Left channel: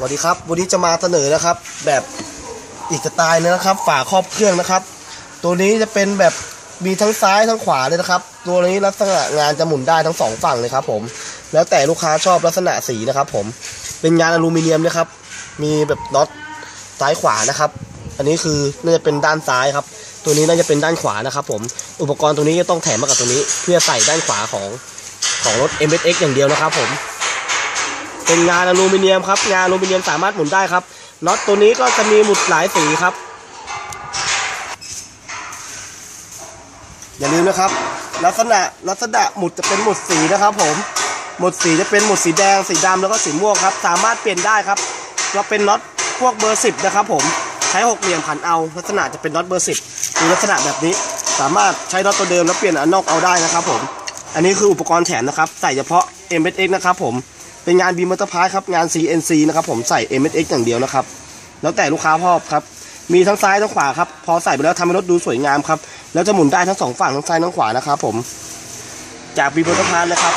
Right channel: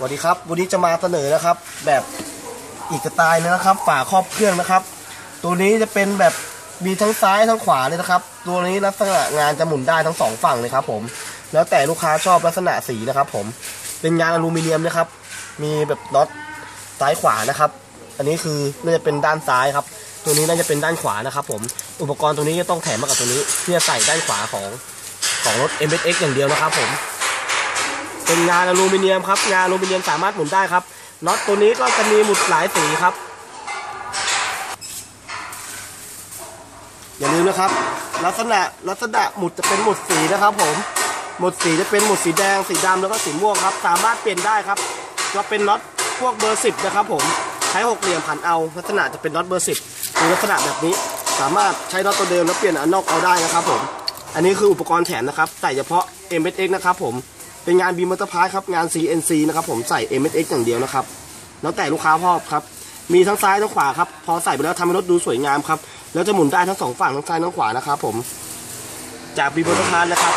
สวัสดีครับ วันนี้จะมาเสนอนะครับ แบบอีกสไตล์นึงนะครับ ฝาครอบเครื่องนะครับ ตัวนี้จะเป็นแบบมีทั้งซ้ายทั้งขวาเลยนะครับ ตัวนี้ลักษณะงานจะหมุนได้ทั้งสองฝั่งเลยครับ ผม แล้วแต่ลูกค้าชอบลักษณะสีนะครับ ผม เป็นงานอลูมิเนียมนะครับ มีแบบน็อตซ้ายขวานะครับ อันนี้คือน่าจะเป็นด้านซ้ายครับ ตัวนี้น่าจะเป็นด้านขวานะครับ ผม อุปกรณ์ตรงนี้ก็ต้องแถมมากับตัวนี้ เพื่อใส่ด้านขวาของของรถ m s x อย่างเดียวนะครับ ผม เป็นงานอลูมิเนียมครับ งานอลูมิเนียมสามารถหมุนได้ครับน็อตตัวนี้ก็จะมีหมุดหลายสีครับ อย่าลืมนะครับ ลักษณะลักษณะหมุดจะเป็นหมุดสีนะครับ ผมหมุดสีจะเป็นหมุดสีแดงสีดำแล้วก็สีม่วงครับ สามารถเปลี่ยนได้ครับจะเป็นน็อตพวกเบอร์สิบนะครับ ผมใช้หกเหลี่ยมขันเอา ลักษณะจะเป็นน็อตเบอร์สิบมีลักษณะแบบนี้ สามารถใช้น็อตตัวเดิมแล้วเปลี่ยนอันนอกเอาได้นะครับ ผม อันนี้คืออุปกรณ์แถมนะครับ ใส่เฉพาะ m s x นะครับ ผม เป็นงานบีมอเตอร์พาร์ครับ งาน CNC นะครับผมใส่ m s x อย่างเดียวนะครับ แล้วแต่ลูกค้าชอบครับ มีทั้งซ้ายทั้งขวาครับ พอใส่ไปแล้วทำให้รถดูสวยงามครับ แล้วจะหมุนได้ทั้งสองฝั่งทั้งซ้ายทั้งขวานะครับผม จากบีมอเตอร์พาร์นะครับ